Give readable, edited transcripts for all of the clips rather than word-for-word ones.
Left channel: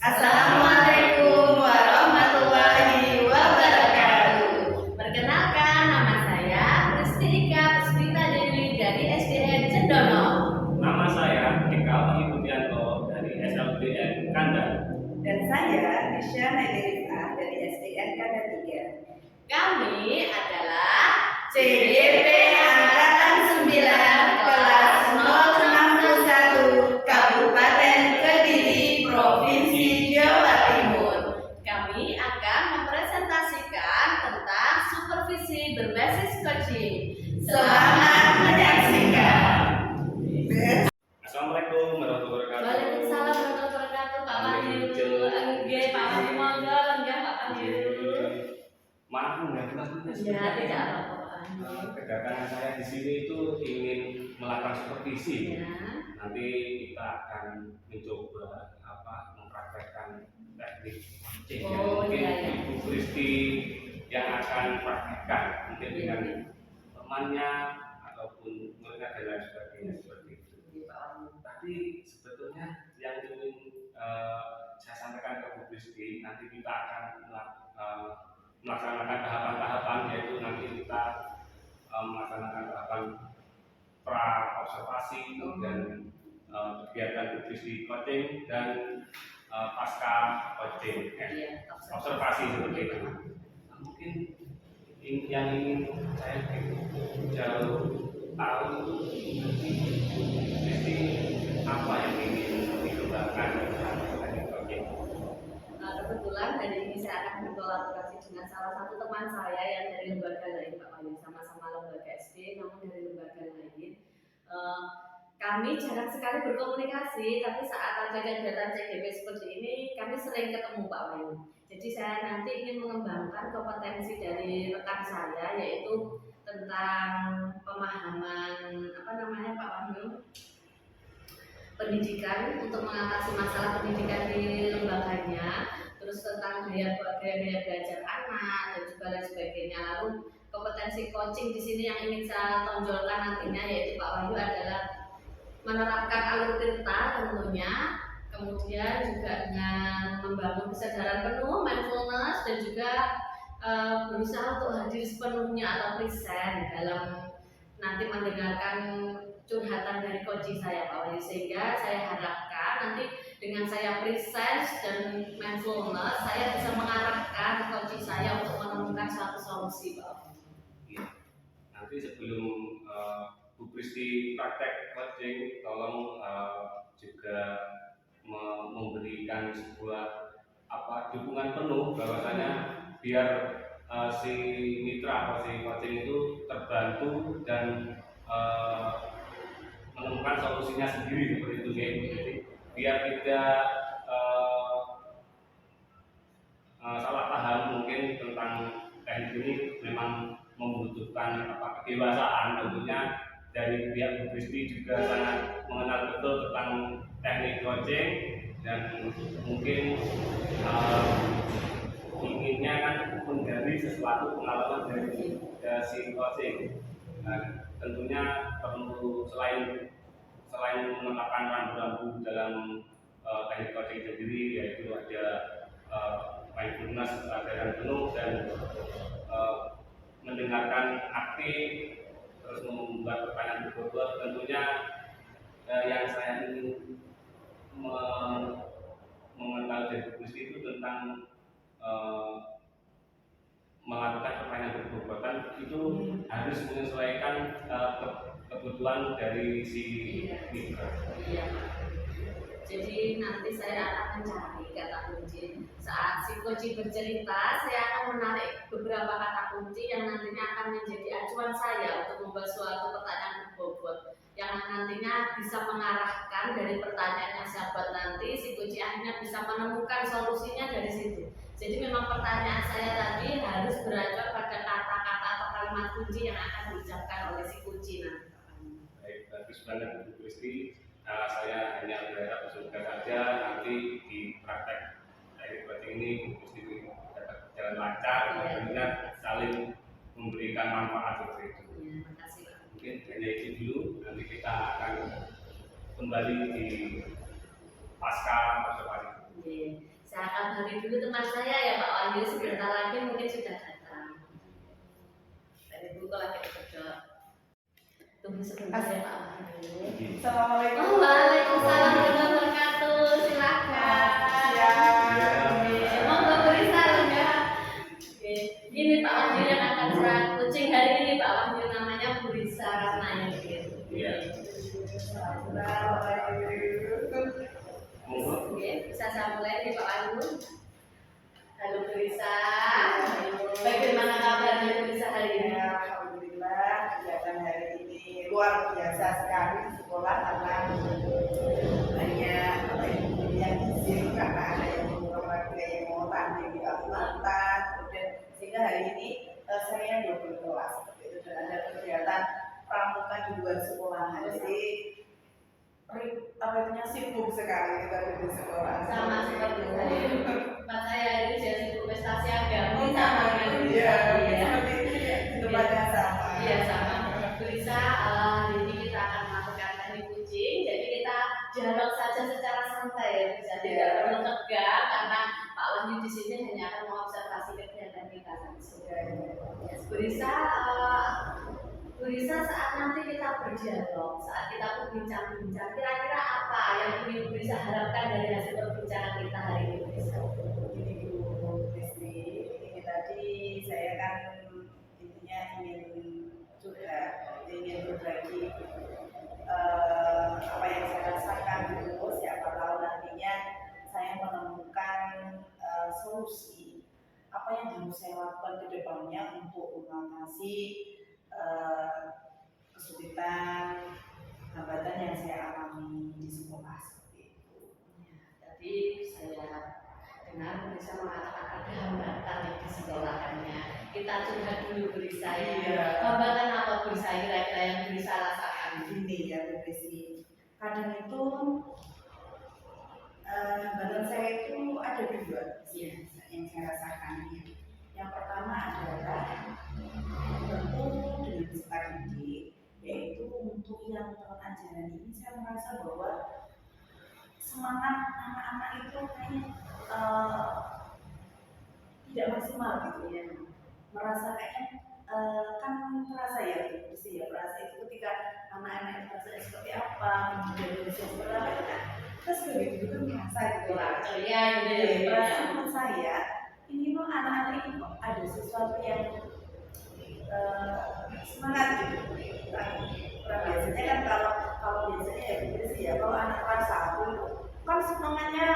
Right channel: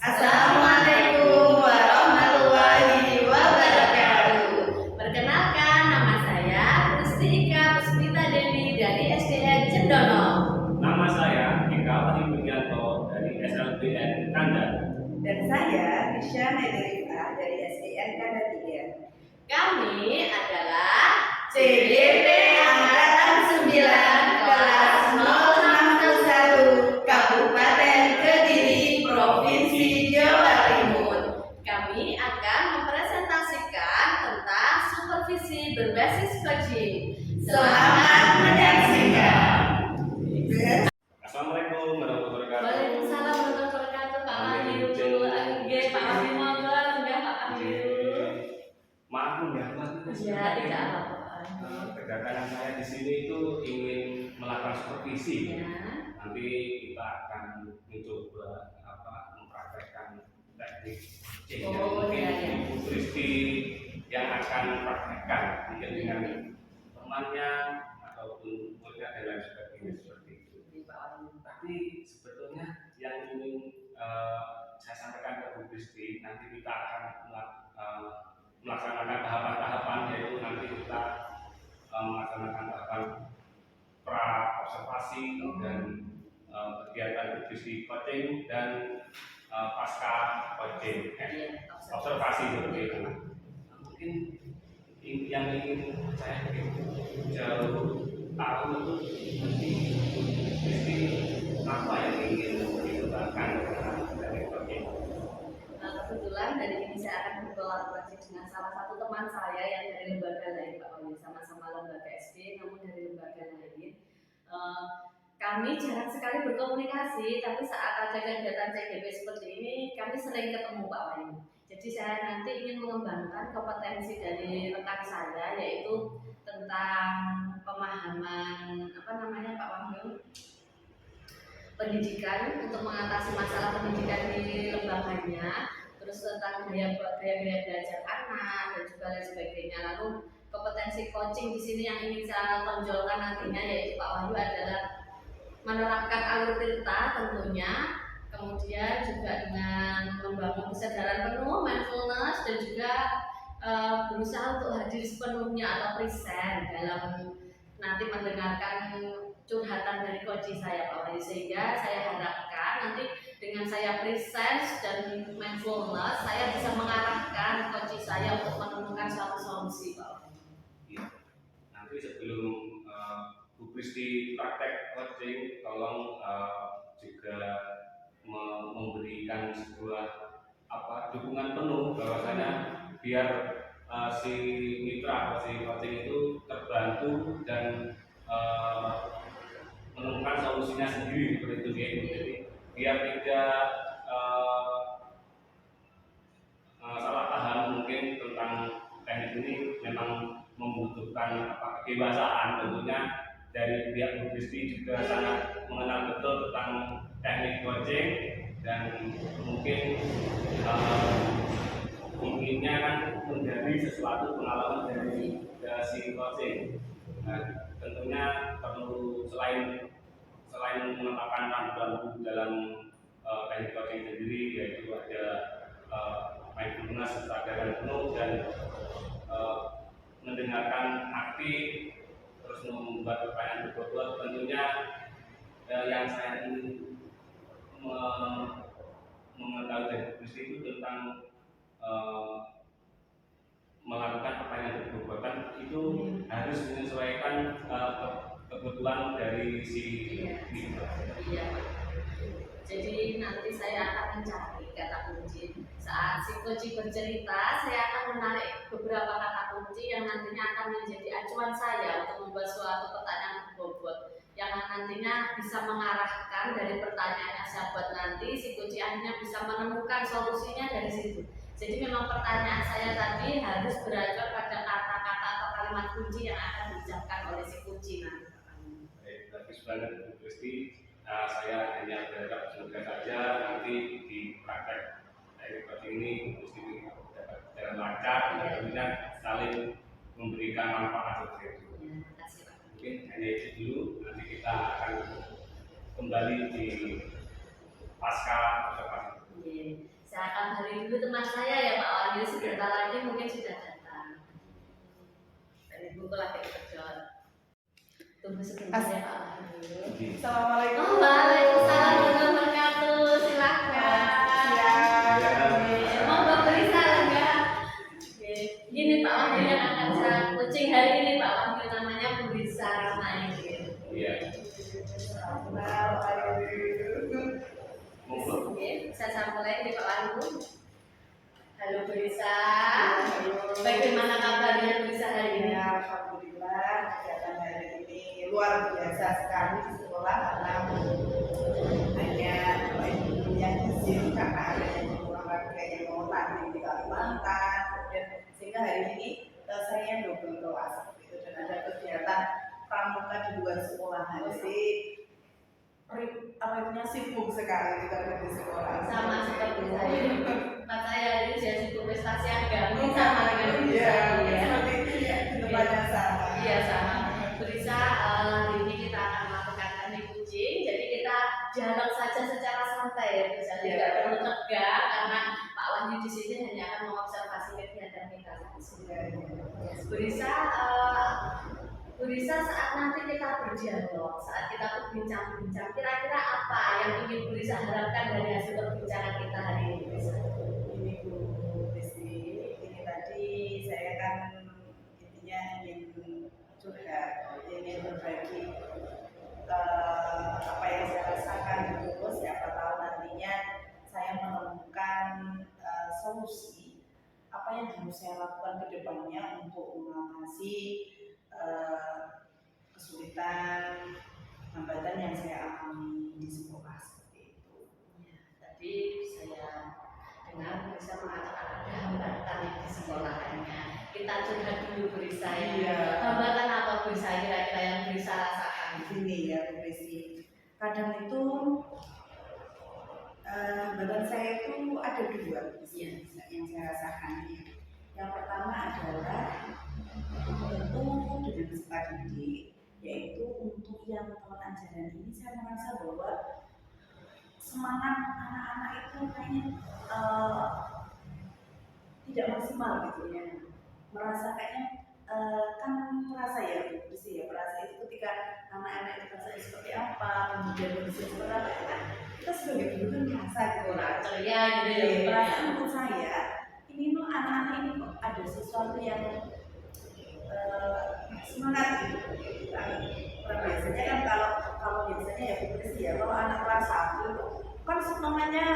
Assalamualaikum warahmatullahi wabarakatuh. Perkenalkan, nama saya Pristika Puspita Dewi dari SDN Cendono. Nama saya Eka Wahyu Budianto dari SLBN Kanda. Dan saya Nisha Nadirifah dari SDN Kanda 3. Kami adalah CDP Angkatan 9 kelas 061 Kabupaten Kediri, Provinsi Jawa Timur. Kami akan mempresentasikan tentang supervisi berbasis coaching. Selamat menyaksikan. Assalamualaikum warahmatullahi wabarakatuh. Waalaikumsalam warahmatullahi wabarakatuh. Pak Wahyu, enggak Pak Wahyu monggo, enggak Pak Wahyu. Maaf mengganggu waktu. Ya, tidak apa-apa Pak Wahyu. Kedatangan saya di sini itu ingin melakukan supervisi. Ya. Nanti kita akan mencoba mempraktekkan teknik coaching yang mungkin Ibu Kristi yang akan praktekkan mungkin dengan temannya ataupun muridnya dan lain sebagainya seperti itu. Tapi sebetulnya yang ingin saya sampaikan ke Bu Kristi, nanti kita akan melaksanakan tahapan-tahapan, yaitu nanti kita melaksanakan tahapan pra observasi dan kegiatan Bu Kristi coaching dan pasca coaching observasi seperti itu. Mungkin yang ingin saya jauh tahu itu nanti Kristi apa yang ingin dikembangkan dalam teknik coaching. Kebetulan hari ini saya akan berkolaborasi dengan salah satu teman saya yang dari lembaga lain Pak Wahyu, sama-sama lembaga SD namun dari lembaga lain. Kami jarang sekali berkomunikasi, tapi saat ada kegiatan CGP seperti ini kami sering ketemu Pak Wahyu. Jadi saya nanti ingin mengembangkan kompetensi dari rekan saya, yaitu tentang pemahaman Pak Wahyu, pendidikan untuk mengatasi masalah pendidikan di lembaganya, terus tentang gaya belajar anak dan juga lain sebagainya. Lalu kompetensi coaching di sini yang ingin saya tonjolkan nantinya yaitu Pak Wahyu adalah menerapkan alur tirta tentunya, kemudian juga dengan membangun kesadaran penuh, mindfulness, dan juga berusaha untuk hadir sepenuhnya atau present dalam nanti mendengarkan curhatan dari coaching saya Pak Wahyu, sehingga saya harapkan nanti dengan saya present dan mindfulness saya bisa mengarahkan coaching saya untuk menemukan suatu solusi Pak Wahyu. Ya. Nanti sebelum Bu Kristi praktek coaching, tolong juga memberikan sebuah dukungan penuh bahwasanya biar si mitra atau si coaching itu terbantu dan menemukan solusinya sendiri seperti itu ya. Jadi biar tidak salah paham mungkin tentang teknik ini memang membutuhkan kedewasaan tentunya. Dari pihak Bu Kristi juga sangat mengenal betul tentang teknik coaching dan mungkin inginnya kan menjadi sesuatu pengalaman dari si coaching. Nah, tentunya perlu selain menetapkan rambu-rambu dalam teknik coaching sendiri, yaitu ada mindfulness, kesadaran penuh, dan mendengarkan aktif, terus membuat pertanyaan berbobot. Tentunya yang saya ingin mengetahui dari Kristi itu tentang melakukan pertanyaan berbobotan itu harus menyesuaikan kebutuhan dari si mitra. Iya Pak. Jadi nanti saya akan mencari kata kunci. Saat si coach bercerita, saya akan menarik beberapa kata kunci yang nantinya akan menjadi acuan saya untuk membuat suatu pertanyaan berbobot yang nantinya bisa mengarahkan dari pertanyaan yang saya buat nanti, si coach akhirnya bisa menemukan solusinya dari situ. Jadi memang pertanyaan saya tadi harus beranjak pada kata-kata atau kalimat kunci yang akan diucapkan oleh si coach nanti. Baik, bagus banget Bu Kristi. Saya hanya berharap semoga saja nanti di praktek teknik coaching ini Kristi dapat jalan lancar dan tentunya saling memberikan manfaat seperti itu. Ya, terima kasih Pak. Mungkin hanya itu dulu. Nanti kita akan kembali di pasca observasi. Saya kabari dulu teman saya ya Pak Wahyu, sebentar lagi mungkin sudah datang. Dan Ibu kok lagi terkejut. Tunggu sebentar ya Pak Wahyu. Assalamualaikum. Oh, waalaikumsalam warahmatullahi wabarakatuh. Silakan. Monggo beri salam ya. Oke. Ini Pak Wahyu yang akan saya coaching hari ini Pak Wahyu, namanya Bu Risa Rahmayudin. Iya. Monggo. Oke, bisa saya mulai nih Pak Wahyu. Halo Bu Risa. Bagaimana kabarnya Bu Risa hari ini? Alhamdulillah, kegiatan hari ini luar biasa sekali di sekolah karena banyak yang izin karena ada yang olahraga yang mau tanding di Kalimantan, kemudian sehingga hari ini saya double kelas seperti itu, dan ada kegiatan pramuka di luar sekolahan. Jadi apa sibuk sekali kita di sekolah. Sama seperti saya. Tempat saya ini jadi sibuk prestasi agama. Oh, Sama dengan Bu Risa ya. Seperti itu ya, di tempatnya sama. Iya sama. Bu Risa, hari ini kita akan melakukan teknik coaching. Jadi kita dialog saja secara santai ya Bu Risa. Tidak perlu tegang karena Pak Wahyu di sini hanya akan mengobservasi kegiatan kita saja. Bu Risa, Bu Risa, saat nanti kita berdialog, saat kita berbincang-bincang, kira-kira apa yang ingin Bu Risa harapkan dari hasil perbincangan kita hari ini, Bu Risa? Ini Bu Kristi, ini tadi saya kan intinya ingin curhat, ingin berbagi apa yang saya rasakan gitu. Siapa tahu nantinya saya menemukan solusi apa yang harus saya lakukan ke depannya untuk mengatasi kesulitan, hambatan yang saya alami di sekolah seperti itu. Ya, tadi saya dengar Bu Risa mengatakan ada hambatan di sekolahannya. Kita curhat dulu Bu Risa ya. Iya. Hambatan apa Bu Risa kira-kira yang Bu Risa rasakan? Ini ya Bu Kristi, kadang itu hambatan saya itu ada dua yang saya rasakan. Yang pertama adalah tentu dengan peserta didik, yaitu untuk yang tahun ajaran ini saya merasa bahwa semangat anak-anak itu kayaknya tidak maksimal gitu ya, merasa kayaknya kan terasa ya Bu Kristi ya, merasa itu ketika anak-anak itu rasanya seperti apa, kemudian kondisi seperti apa, itu kan kita sebagai guru kan merasa gitu Kurang ceria gitu ya. ya, merasa menurut saya ini tuh anak-anak ini kok ada sesuatu yang semangat gitu. Biasanya kan kalau biasanya ya Bu Kristi ya, kalau anak kelas 1 itu kan semangatnya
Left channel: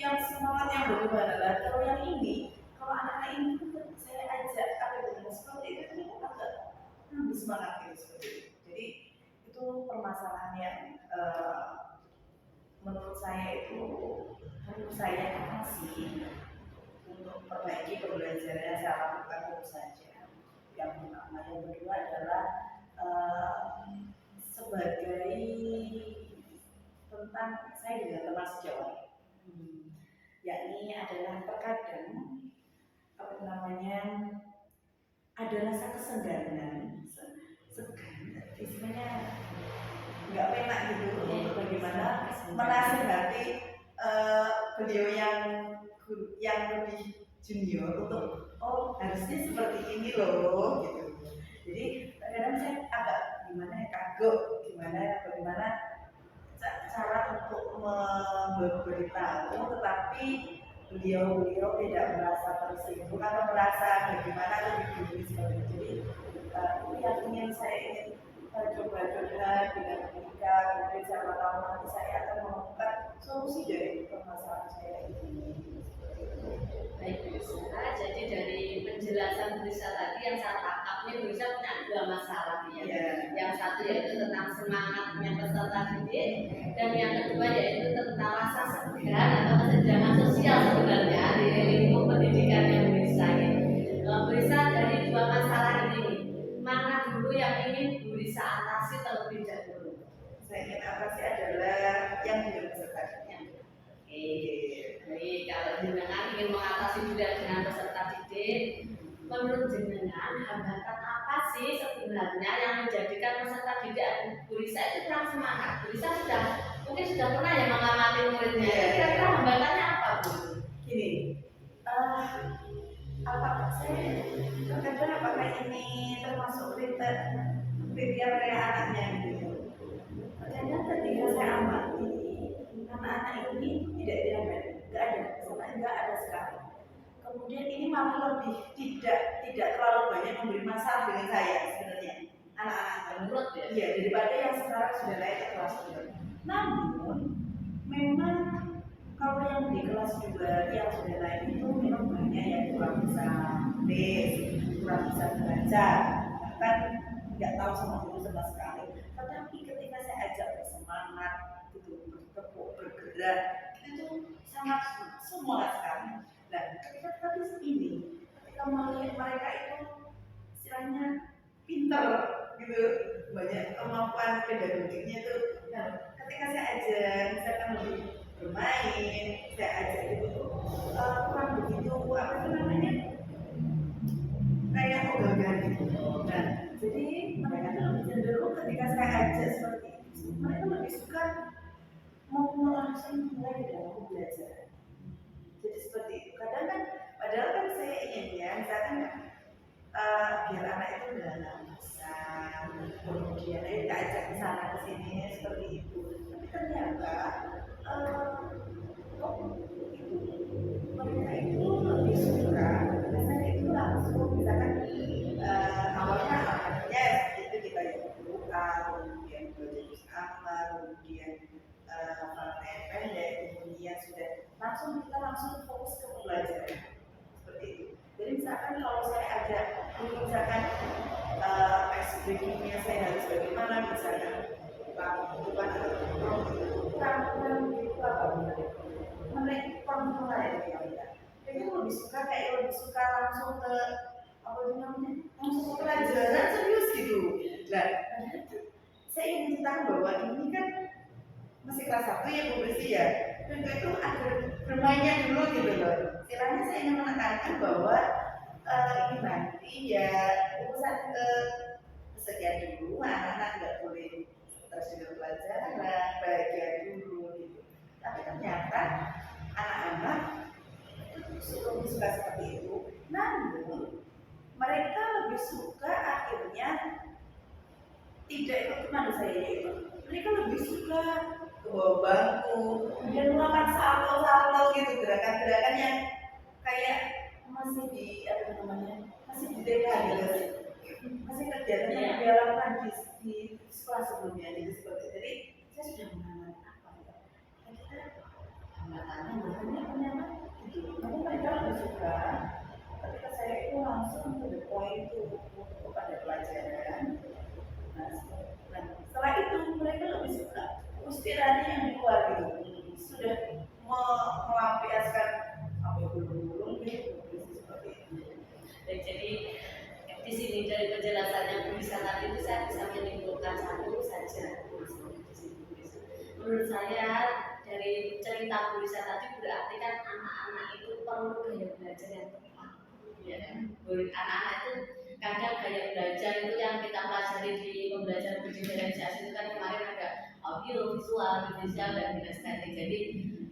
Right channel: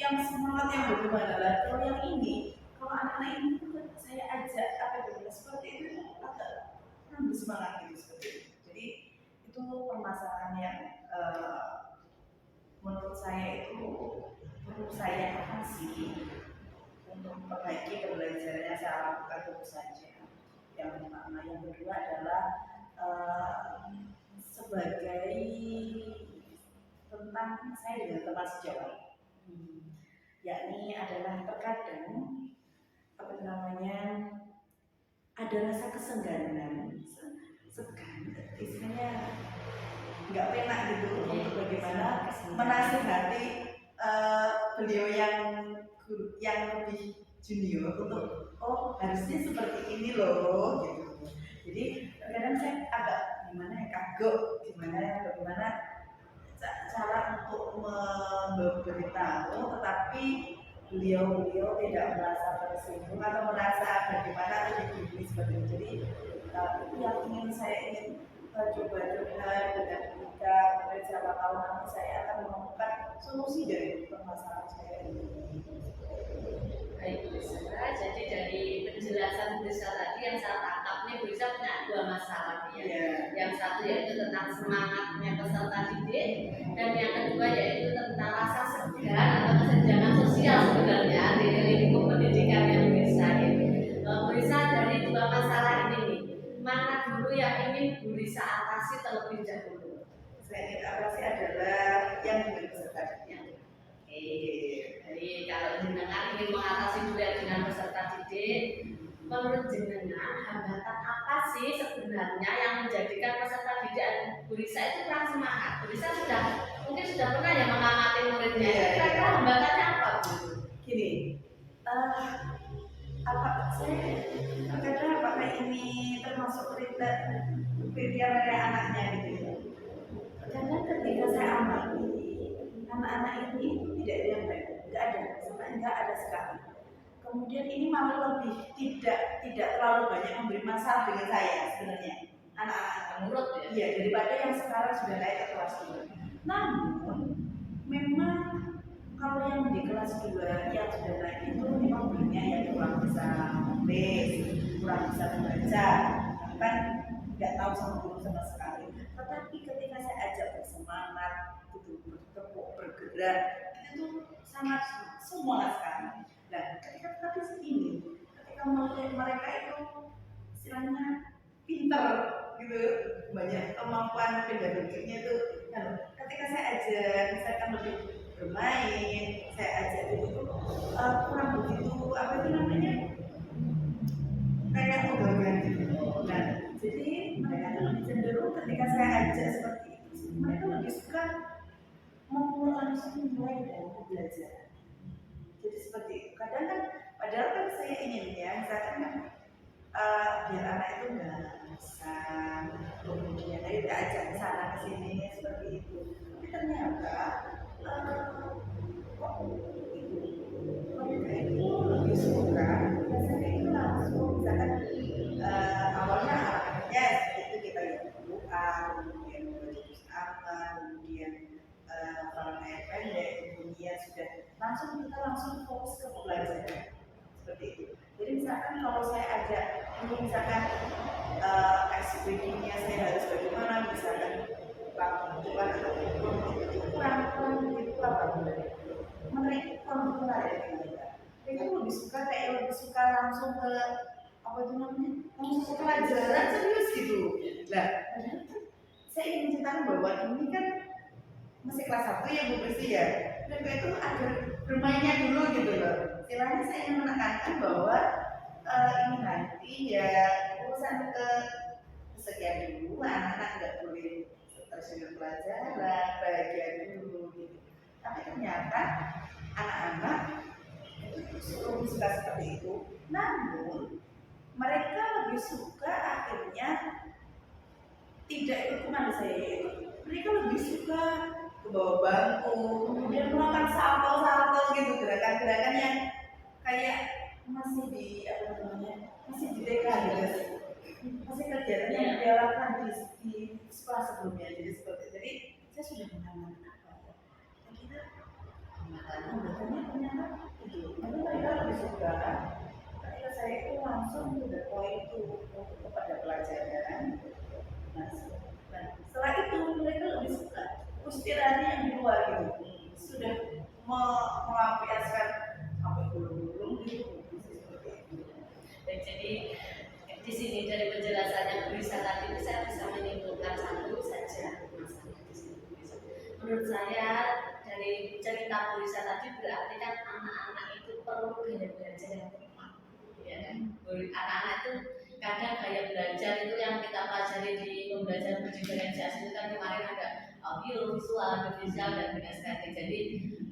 yang semangatnya bagaimana lah. Kalau yang ini, kalau anak-anak ini tuh saya ajak seperti itu agak lebih semangat gitu seperti itu. Jadi itu permasalahan yang menurut saya itu perlu saya atasi untuk memperbaiki pembelajaran saya lakukan tentu saja. Yang pertama, yang kedua adalah sebagai tentang saya dengan teman sejawat, yakni adalah terkadang apa namanya ada rasa kesengganan, istilahnya nggak enak gitu untuk bagaimana menasihati beliau yang lebih junior untuk harusnya seperti ini loh gitu. Jadi kadang saya agak bagaimana cara untuk memberitahu, tetapi beliau tidak merasa tersinggung atau merasa bagaimana atau dibully seperti itu. Jadi itu yang saya ingin coba dengan Ika, kemudian siapa tahu nanti saya akan menemukan solusi dari permasalahan saya ini. Baik Bu Risa, jadi dari penjelasan Bu Risa tadi yang saya tangkap nih, Bu Risa punya dua masalah ya. Yang satu yaitu tentang semangatnya peserta didik, dan yang kedua yaitu tentang rasa segan atau kesenjangan sosial sebenarnya di lingkup pendidikan yang Bu Risa ya. Bu Risa, dari dua masalah ini nih, mana dulu yang ingin Bu Risa atasi terlebih dahulu? Saya ingin atasi adalah yang dengan peserta. Jadi kalau jenengan ingin mengatasi juga dengan peserta didik, menurut jenengan hambatan apa sih sebenarnya yang menjadikan peserta didik Bu Risa itu kurang semangat? Bu Risa mungkin sudah pernah ya mengamati muridnya. Kira-kira hambatannya apa Bu? apa saya terkadang apakah ini termasuk kriteria anaknya gitu ya. Terkadang ketika saya amati anak-anak ini tidak diambil, nggak ada, sebenarnya nggak ada sekali. Kemudian ini malah lebih tidak terlalu banyak memberi masalah dengan saya sebenarnya anak-anak Menurut ya. iya daripada yang sekarang sudah naik ke kelas 2. Namun memang kalau yang di kelas 2 yang sudah naik itu memang banyak yang kurang bisa nulis, kurang bisa membaca, bahkan nggak tahu sama guru sama sekali. Tetapi ketika saya ajak bersemangat, gitu, bertepuk, bergerak, itu tuh sangat semangat sekali. Nah, ketika tadi ini, ketika mereka itu istilahnya pinter, gitu, banyak kemampuan pedagogiknya itu. Nah, ketika saya ajar, misalkan lebih bermain, saya ajak itu tuh kurang begitu apa itu namanya kayak ogogan gitu. Nah, jadi mereka tuh lebih cenderung ketika saya ajak seperti itu, mereka lebih suka langsung mulai dalam belajar. Jadi seperti itu. Kadang kan, padahal kan saya ingin ya, misalkan biar anak itu nggak bisa, kemudian kita ajak ke sana ke sini seperti itu. Tapi ternyata mereka itu lebih suka, biasanya itu langsung misalkan awalnya ya itu kita lihat doa, kemudian berjus amal, kemudian pakai pendek, kemudian sudah kita langsung fokus ke pelajaran seperti itu. Jadi misalkan kalau saya ajak, misalkan SPG-nya saya harus bagaimana, misalkan depan atau itu kurang begitu apa mereka menarik mereka. Mereka lebih suka langsung ke apa itu namanya, langsung ke pelajaran serius gitu. Nah, saya ingin menceritakan bahwa ini kan masih kelas 1 ya Bu Pristi ya. Mereka itu agar bermainnya dulu gitu loh. Istilahnya saya ingin menekankan bahwa ini nanti ya urusan ke sekian dulu, anak-anak nggak boleh terus pelajaran, bahagia dulu gitu. Tapi ternyata anak-anak itu lebih suka seperti itu. Namun mereka lebih suka akhirnya tidak ikut kemana saya itu. Mereka lebih suka ke bawah bangku, kemudian melakukan salto gitu, gerakan-gerakan yang kayak masih di apa namanya, masih di TK gitu, masih kegiatan yang dilakukan di sekolah sebelumnya. Jadi seperti jadi saya sudah mengalami apa ya, kita hambatannya ternyata gitu. Tapi mereka lebih suka ketika saya itu langsung to the point tuh kepada pelajaran. Nah, setelah itu mereka lebih suka istilahnya yang di luar gitu, sudah melampiaskan apa gulung-gulung gitu, seperti itu. Dan jadi di sini dari penjelasannya Bu Risa tadi saya bisa menyimpulkan satu saja. Menurut saya dari cerita Bu Risa tadi berarti kan anak-anak itu perlu gaya belajar yang tepat, ya kan? Anak-anak itu kadang gaya belajar itu yang kita pelajari di pembelajaran budidaya itu kan kemarin ada audio, visual, dan kinestetik. Jadi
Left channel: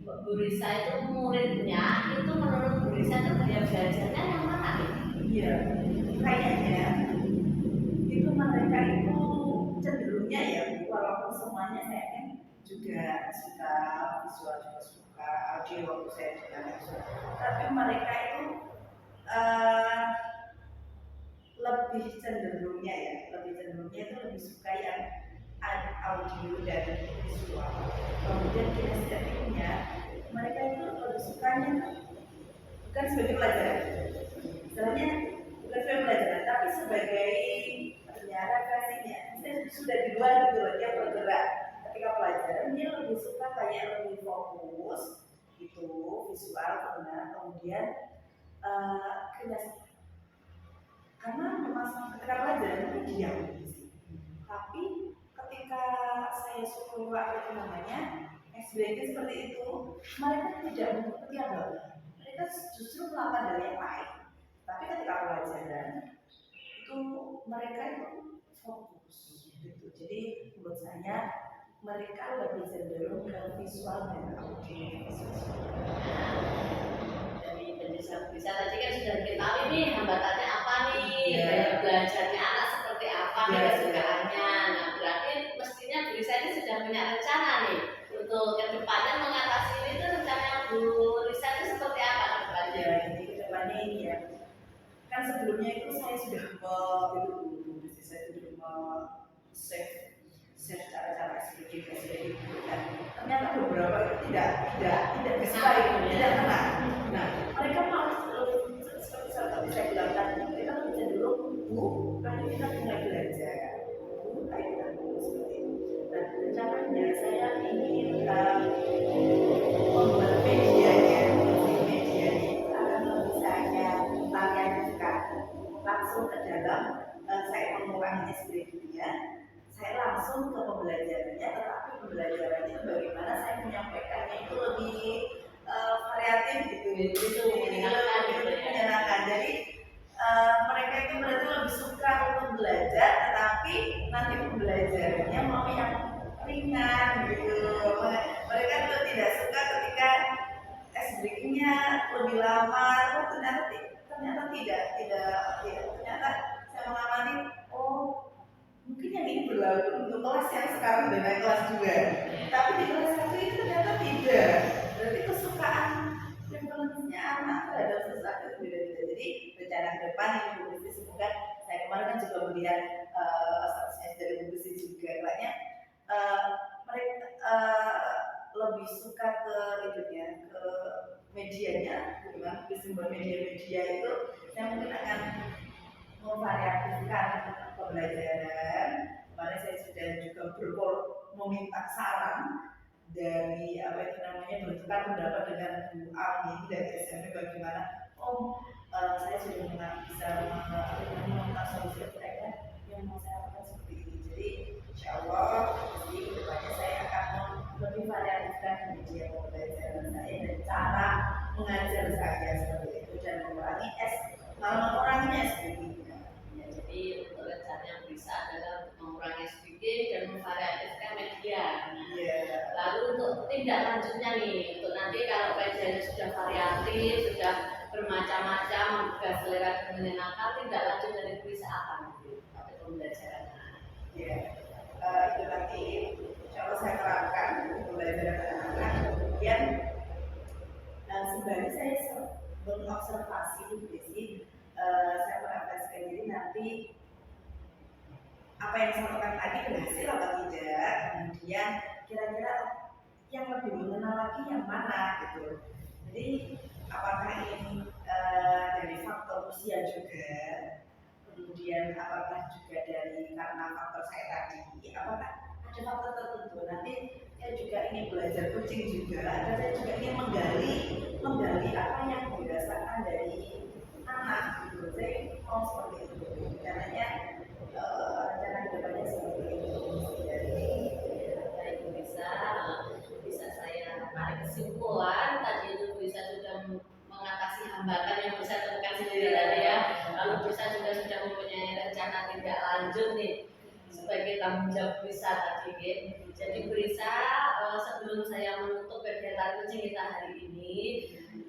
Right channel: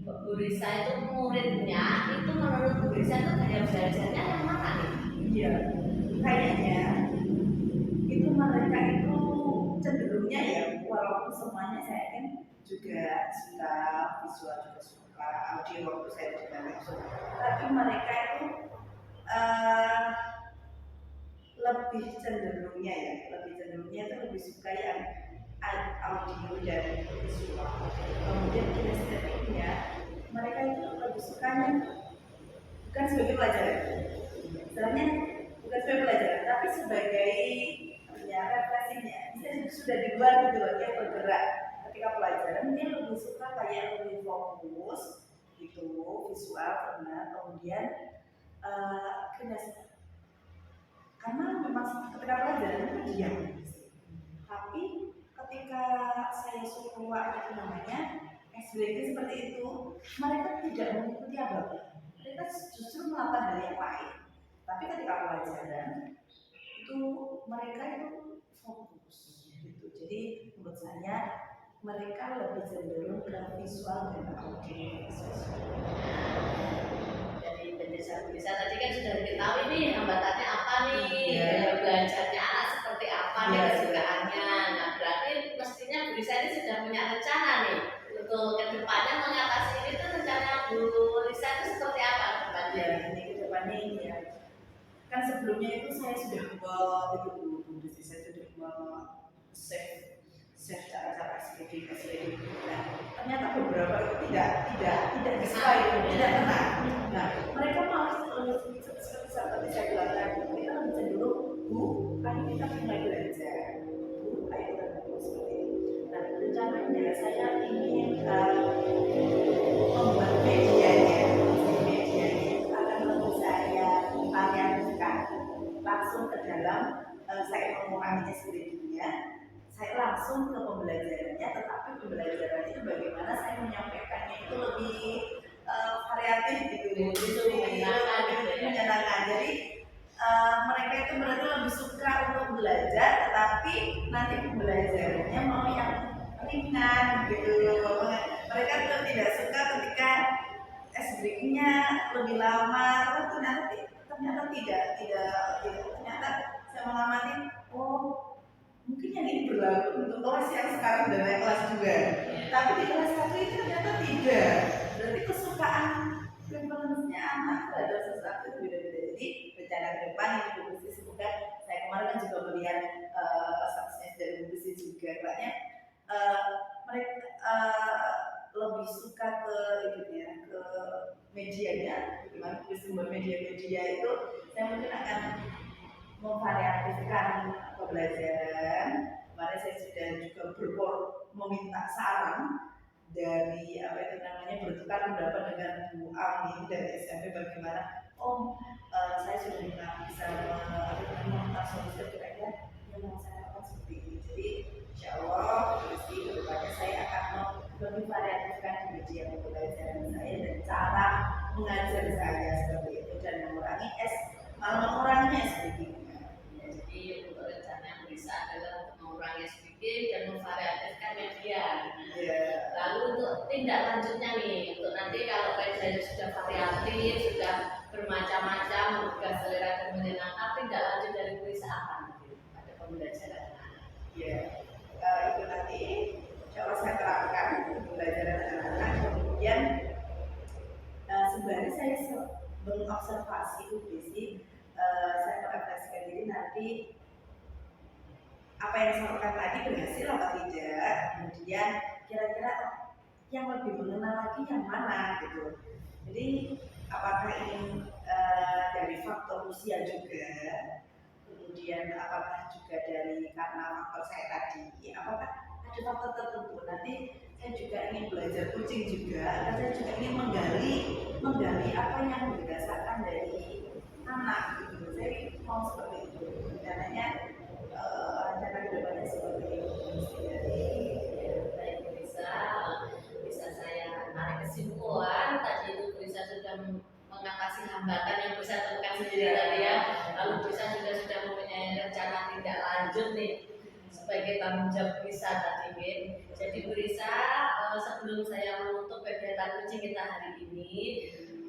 Bu Risa itu muridnya itu menurut Bu Risa itu gaya belajarnya yang mana nih? Iya, kayaknya itu mereka itu cenderungnya ya, walaupun semuanya saya kan juga suka visual, juga suka audio waktu saya juga langsung, tapi mereka itu lebih cenderungnya itu lebih suka yang audio dan visual. Kemudian kinestetiknya mereka itu lebih sukanya bukan sebagai pelajaran, misalnya bukan sebagai pelajaran, tapi sebagai refleksinya. Misalnya sudah di luar gitu loh, dia bergerak. Ketika pelajaran dia lebih suka kayak lebih fokus gitu, visual benar. Kemudian kinestetik, karena memang ketika pelajaran itu diam. Tapi ketika saya suruh apa itu namanya SBG seperti itu, mereka tidak mengikuti apa-apa. Mereka justru melakukan hal yang lain. Tapi ketika pelajaran itu mereka itu fokus gitu. Jadi menurut saya mereka lebih cenderung ke visual dan audio. Dari Desa Brisa tadi kan sudah diketahui nih hambatannya apa nih, Iya. gaya belajarnya anak seperti apa nih, Iya, kesukaannya. Nah berarti mestinya Brisa ini sudah punya rencana nih untuk kedepannya mengatasi ini tuh, rencana Bu Risa itu seperti apa kedepannya? Ya, ini kedepannya ini ya. Kan sebelumnya itu saya sudah saya sudah save cara-cara SPG. Nah, ternyata beberapa itu tidak sesuai, tidak tenang. Nah, mereka malah seperti saya bilang tadi, mereka lebih cenderung, Bu, ayo kita mulai belajar. Bu, ayo kita mulai seperti itu. Nah, rencananya saya ingin membuat medianya itu akan lebih saya variasikan langsung ke dalam, saya mengurangi SPG-nya, saya langsung ke pembelajarannya, tetapi pembelajarannya itu bagaimana saya menyampaikannya itu lebih variatif gitu, Itu menyenangkan gitu ya. menyenangkan. Jadi mereka itu berarti lebih suka untuk belajar, tetapi nanti pembelajarannya mau yang ringan gitu. Mereka itu tidak suka ketika SBG-nya lebih lama, ternyata tidak, ternyata saya mengamati, oh mungkin yang ini berlaku untuk kelas yang sekarang sudah naik kelas 2, tapi di kelas 1 itu ternyata tidak. Berarti kesukaan preferensinya anak terhadap sesuatu itu beda-beda. Jadi rencana ke depan ini Bu Gusti, semoga saya kemarin kan juga melihat statusnya dari Bu Gusti juga, kayaknya mereka lebih suka ke itunya, ke medianya, bagaimana sumber media itu. Saya mungkin akan memvariatifkan pembelajaran. Kemarin saya sudah juga meminta saran dari apa itu namanya, bertukar pendapat dengan Bu Ami dari SMP, bagaimana saya sudah bisa menemukan solusi kira-kira yang mau saya lakukan seperti ini. Jadi insya Allah di kedepannya saya akan lebih variatifkan media pembelajaran saya dan cara mengajar saya seperti itu, dan mengurangi SPG-nya. Ya, jadi untuk rencana yang bisa adalah mengurangi SPG dan memvariatifkan media. Iya. Lalu untuk tindak lanjutnya nih, untuk nanti kalau medianya sudah variatif, sudah bermacam-macam, menggugah selera dan menyenangkan, tindak lanjut dari Brisa apa nanti pada pembelajaran? Ya, itu tadi insya Allah saya terapkan pembelajaran anak-anak. Kemudian sebenarnya saya mengobservasi Bu Desi, saya merefleksikan diri nanti apa yang saya lakukan tadi berhasil apa tidak. Kemudian kira-kira yang lebih mengenal lagi yang mana gitu. Jadi apakah ini dari faktor usia juga, kemudian apakah juga dari karena faktor saya tadi, apakah ada faktor tertentu. Nanti saya juga ingin belajar coaching juga, dan saya juga ingin menggali apa yang dirasakan dari anak gitu. Saya mau seperti itu. Rencananya rencana kedepannya seperti itu. Baik, bisa saya tarik kesimpulan tadi itu Brisa sudah mengatasi hambatan yang Brisa temukan sendiri tadi ya. Lalu Brisa juga sudah mempunyai rencana tindak lanjut nih sebagai tanggung jawab Brisa tadi gitu. Jadi Brisa, sebelum saya menutup kegiatan coaching kita hari ini,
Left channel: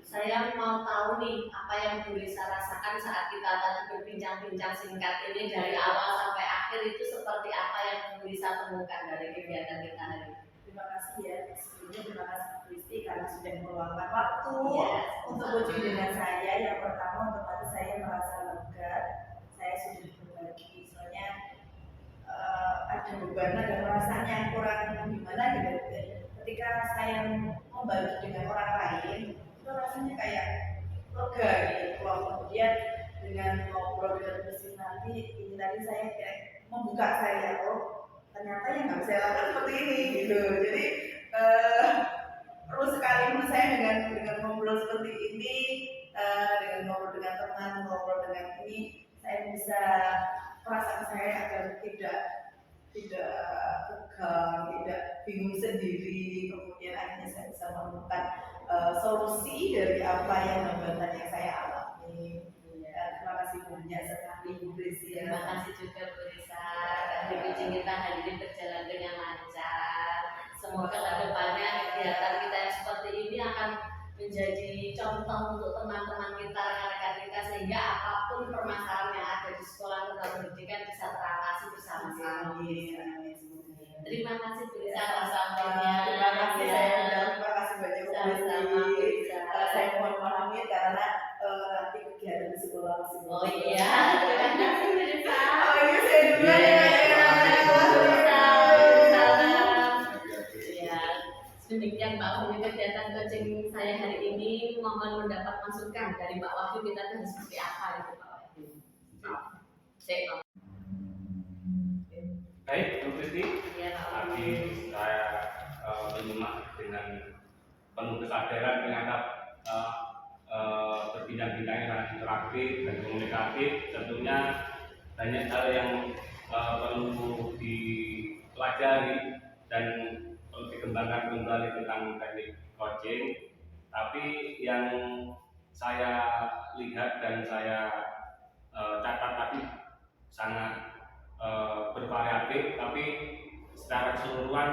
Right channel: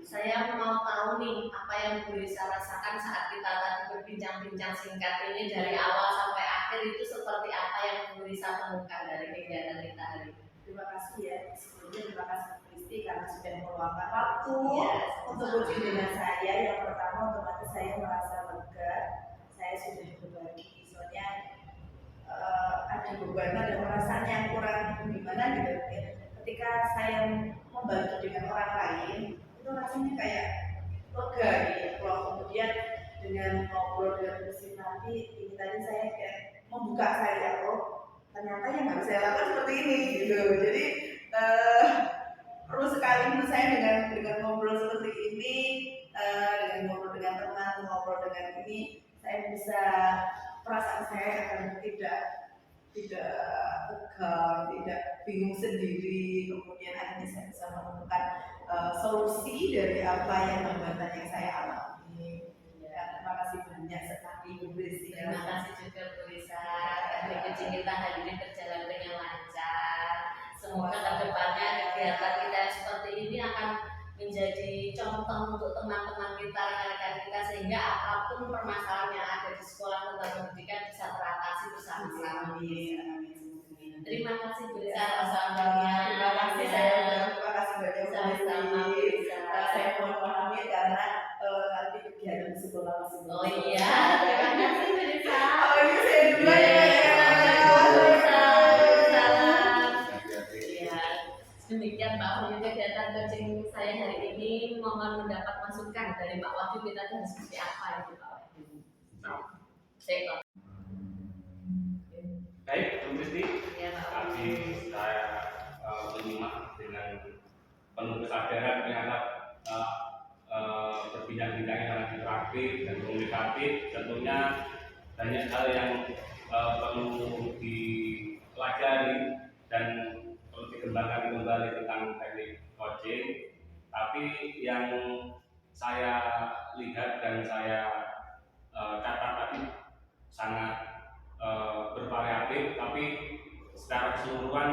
saya mau tahu nih apa yang Brisa rasakan saat kita tadi berbincang-bincang singkat ini dari awal sampai akhir, itu seperti apa yang Brisa temukan dari kegiatan kita hari ini. Terima kasih ya, sebelumnya terima kasih Bu Kristi karena sudah meluangkan waktu untuk coaching dengan saya. Yang pertama, otomatis saya merasa lega, saya sudah berbagi, soalnya ada beban, ada perasaan yang kurang gimana gitu. Ketika saya membantu dengan orang lain, itu rasanya kayak lega gitu. Kemudian dengan ngobrol dengan mesin nanti, ini tadi saya kayak membuka saya, ternyata yang harus saya lakukan seperti ini gitu. Jadi perlu sekali menurut saya dengan ngobrol seperti ini, dengan ngobrol dengan teman, ngobrol dengan ini, saya bisa, perasaan saya akan tidak tegang, tidak bingung sendiri. Kemudian akhirnya saya bisa menemukan solusi dari apa yang hambatan yang saya alami. Ya, terima kasih banyak sekali Bu Kristi. Terima kasih juga Bu Risa. Dari coaching kita hari ini berjalan dengan lancar. Semoga kedepannya kegiatan kita yang seperti ini akan menjadi contoh untuk teman-teman kita Amin, amin semoga. Terima kasih Bu Lisa. Sama-sama. Terima kasih terima kasih banyak Bu Sama-sama Bu Lisa. Lisa. Saya mohon pahami karena nanti kegiatan di sekolah masih belum Oh selesai. iya, terima kasih Bu Lisa. Oh iya, saya duluan ya. Assalamualaikum Bu Lisa. Salam. Hati-hati. Ya, demikian Pak Wahyu kegiatan coaching saya hari ini. Mohon mendapat masukan dari Pak Wahyu, kita harus seperti apa gitu Pak Wahyu. Saya Baik, Bu Kristi. ya Pak Tadi Wahyu. saya menyimak dengan penuh kesadaran ternyata berbidang-bidangnya sangat interaktif dan komunikatif. Tentunya banyak hal yang perlu dipelajari dan perlu dikembangkan kembali tentang teknik coaching. Tapi yang saya lihat dan saya catat tadi sangat bervariatif, tapi secara keseluruhan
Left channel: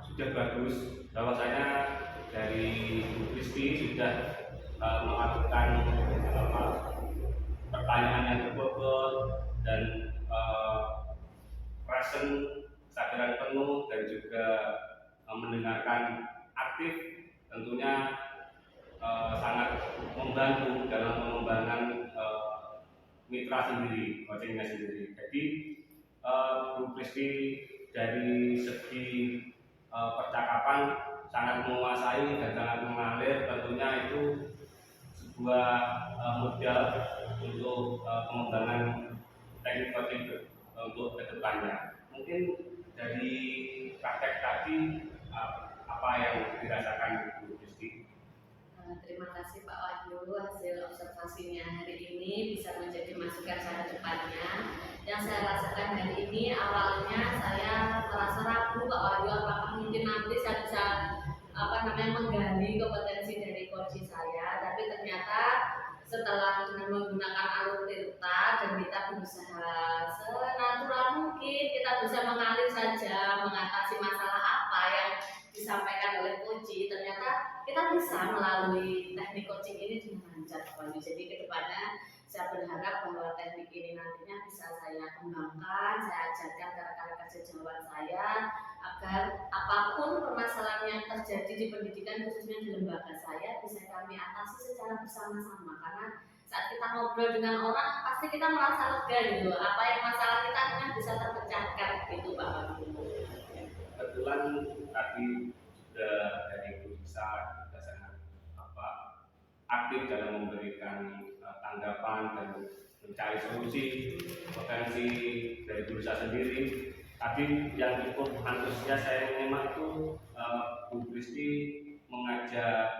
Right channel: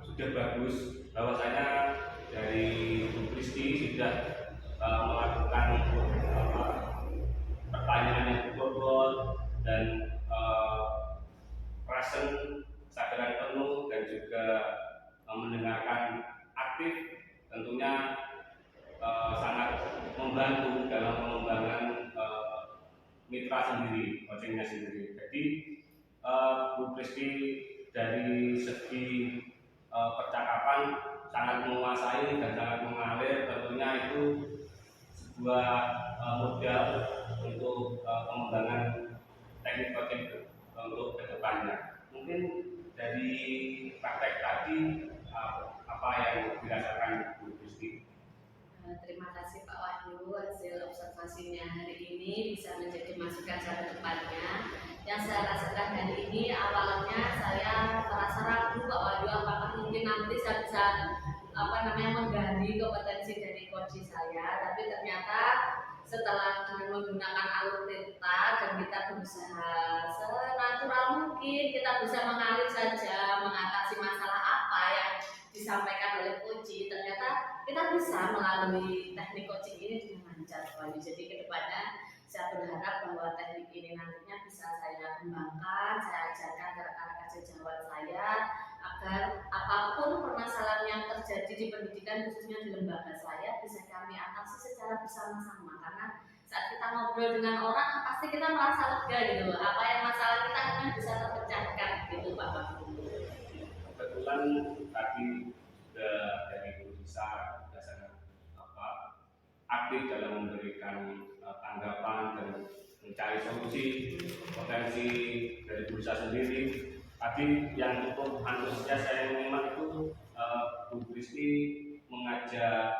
sudah bagus. Bahwasanya dari Bu Kristi sudah melakukan pertanyaan yang berbobot dan present, kesadaran penuh, dan juga mendengarkan aktif, tentunya sangat membantu dalam pengembangan mitra sendiri, coachingnya sendiri. Jadi Bu Kristi dari segi percakapan sangat menguasai dan sangat mengalir, tentunya itu sebuah modal untuk pengembangan teknik coaching untuk kedepannya. Mungkin dari praktek tadi apa yang dirasakan Bu Kristi? Terima kasih Pak Wahyu, hasil observasinya hari ini bisa menjadi masukan cara depannya. Yang saya rasakan hari ini, awalnya saya merasa ragu Pak Wahyu, apakah mungkin nanti saya bisa menggali kompetensi dari coach saya, tapi ternyata setelah dengan menggunakan alur tirta dan kita berusaha senatural mungkin, kita bisa mengalir saja mengatasi masalah apa yang disampaikan oleh coach, ternyata kita bisa melalui teknik coaching ini dengan lancar Pak Wahyu. Jadi kedepannya saya berharap bahwa teknik ini nantinya bisa saya kembangkan, saya ajarkan ke rekan-rekan sejawat saya agar apapun permasalahan yang terjadi di pendidikan, khususnya di lembaga saya, bisa kami atasi secara bersama-sama. Karena saat kita ngobrol dengan orang, pasti kita merasa lega gitu. Apa yang masalah kita akhirnya bisa terpecahkan gitu Pak Wahyu. Kebetulan tadi sudah dari Bu Lisa sudah sangat aktif dalam memberikan tanggapan dan mencari solusi potensi dari Bu Lisa sendiri. Tadi yang cukup antusias saya menyimak itu Bu Kristi mengajak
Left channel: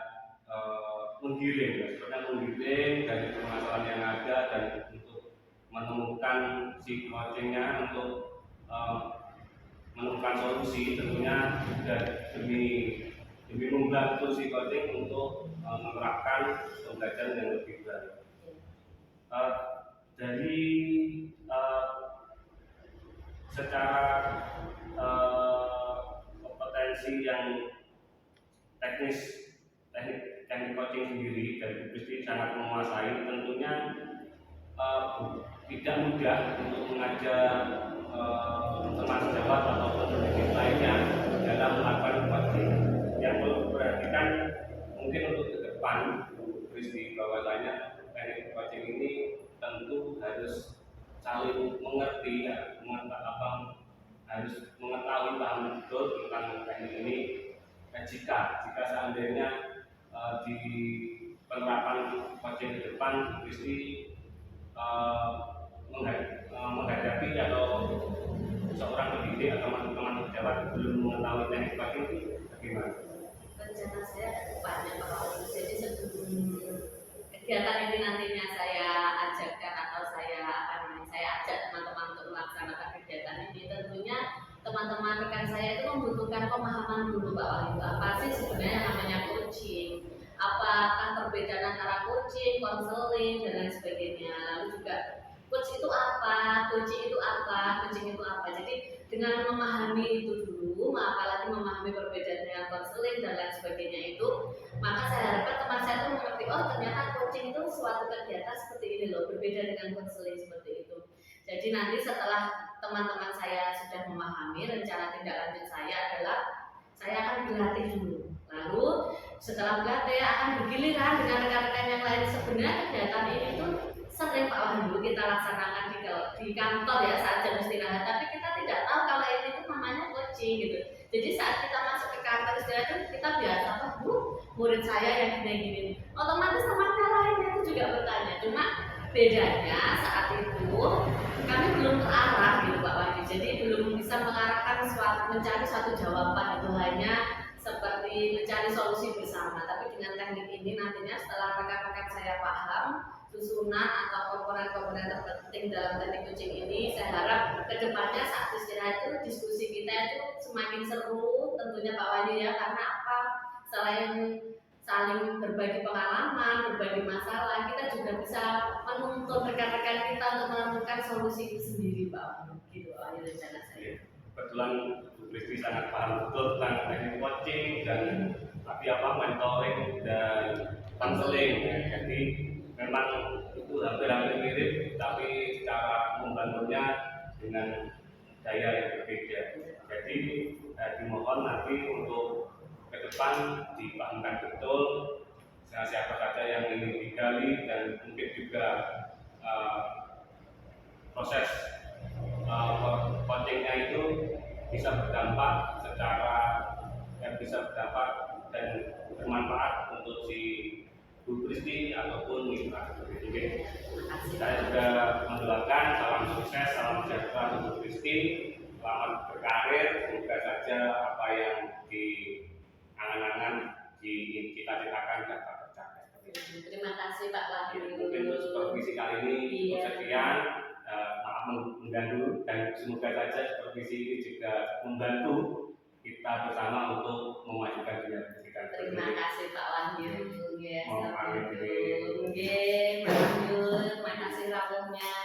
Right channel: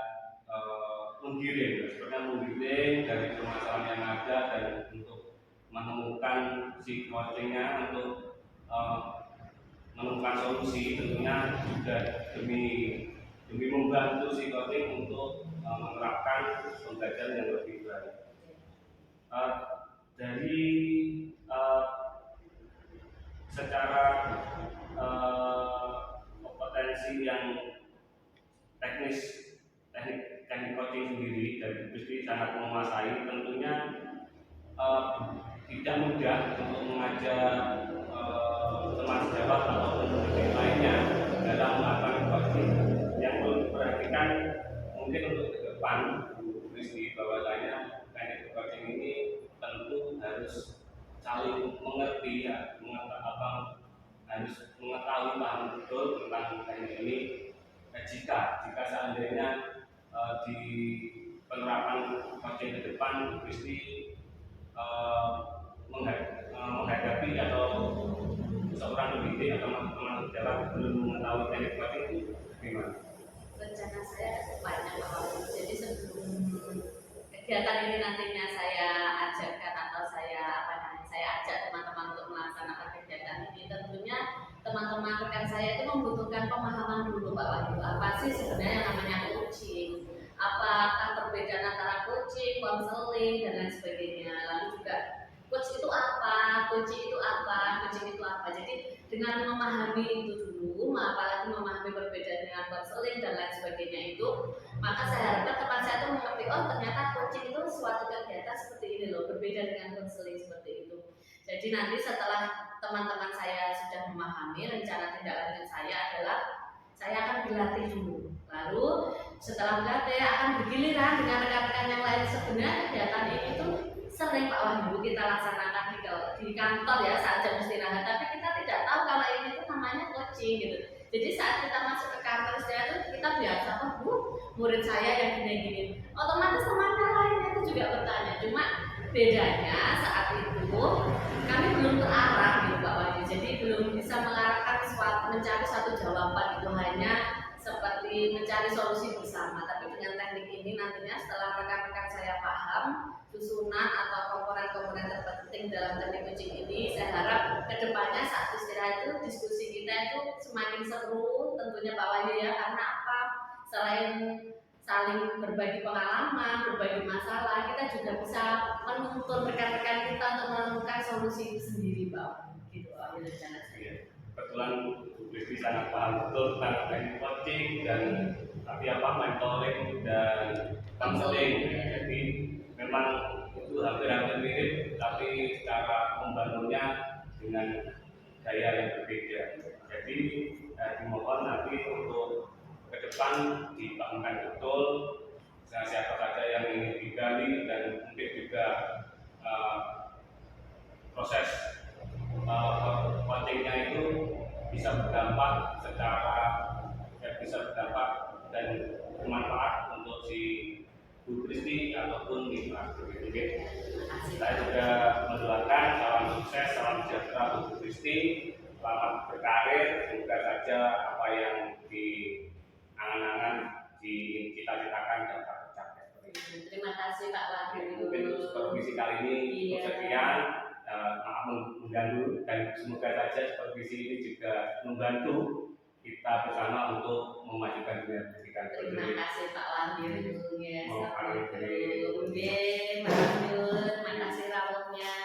menggiring dari permasalahan yang ada dan untuk menemukan si coachingnya untuk menemukan solusi, tentunya juga demi membantu si coaching untuk menerapkan pembelajaran yang lebih baik. Dari secara kompetensi yang teknik coaching sendiri dari Bu Kristi sangat menguasai, tentunya tidak mudah untuk mengajak teman sejawat atau pendidik lainnya dalam melakukan coaching. Yang perlu diperhatikan mungkin untuk ke depan Bu Kristi, bahwasanya teknik coaching ini tentu harus saling mengerti, harus mengetahui paham betul tentang teknik ini. Jika seandainya di penerapan coaching ke depan Bu Kristi menghadapi atau seorang pendidik atau teman-teman pejabat belum mengetahui teknik coaching itu bagaimana? Rencana saya ke depannya Pak Wahyu. Jadi sebelum kegiatan ini nantinya saya ajarkan atau saya ajak teman-teman untuk melaksanakan kegiatan ini, tentunya teman-teman rekan saya itu membutuhkan pemahaman dulu Pak Wahyu, apa sih sebenarnya yang namanya coaching, apakah perbedaan antara coaching, konseling dan lain sebagainya. Lalu juga coach itu apa, coaching itu apa, coaching itu apa. Jadi dengan memahami itu dulu, apalagi memahami perbedaan dengan konseling dan lain sebagainya itu, maka saya harapkan teman saya itu mengerti, oh ternyata coaching itu suatu kegiatan seperti ini loh, berbeda dengan konseling seperti itu. Jadi nanti setelah teman-teman saya sudah memahami, rencana tindak lanjut saya adalah saya akan berlatih dulu. Lalu setelah berlatih akan bergiliran dengan rekan-rekan yang lain. Sebenarnya kegiatan ini tuh sering Pak Wahyu kita laksanakan di kantor ya saat jam istirahat, tapi kita tidak tahu kalau ini tuh namanya coaching gitu. Jadi saat kita masuk ke kantor istirahat itu kita biasa Bu, murid saya yang gini-gini. Otomatis temannya lainnya itu juga bertanya. Cuma bedanya saat itu kami belum terarah gitu Pak Wahyu. Jadi belum bisa mengarahkan mencari satu jawaban, itu hanya seperti mencari solusi bersama. Tapi dengan teknik ini nantinya setelah rekan-rekan saya paham susunan atau komponen-komponen terpenting dalam teknik coaching ini, saya harap kedepannya saat istirahat itu diskusi kita itu semakin seru tentunya Pak Wahyu ya. Karena apa? Selain saling berbagi pengalaman, berbagi masalah, kita juga bisa menuntun rekan-rekan kita untuk menemukan solusi itu sendiri Pak Wahyu. Gitu Pak Wahyu rencana saya. Kebetulan Bu Kristi sangat paham betul tentang teknik coaching dan mentoring dan counseling. Jadi memang itu hampir-hampir mirip, tapi cara membangunnya dengan gaya yang berbeda. Jadi dimohon nanti untuk ke depan dipahamkan betul siapa saja yang ingin digali, dan mungkin juga proses coachingnya itu bisa berdampak dan bermanfaat untuk si Bu Kristi ataupun mitra. Oke. Saya juga mendoakan salam sukses, salam sejahtera untuk Bu Kristi, selamat berkarir, semoga saja apa yang diangan-angan, cita-citakan dapat tercapai. Terima kasih Pak Wahyu. Mungkin untuk supervisi kali ini sekian. Maaf mengganggu, dan semoga saja supervisi ini juga membantu kita bersama untuk memajukan dunia pendidikan. Terima kasih Pak Wahyu. Ya, Mau pamit Pak Wahyu, terima kasih rawuhnya.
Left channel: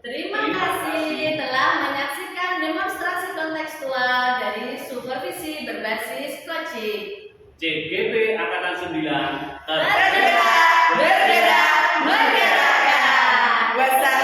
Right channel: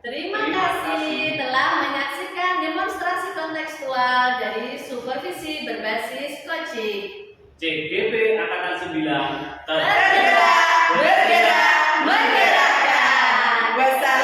Terima kasih telah menyaksikan demonstrasi kontekstual dari supervisi berbasis coaching. CGP Angkatan 9 Tergerak, bergerak, menggerakkan. Wassalamualaikum.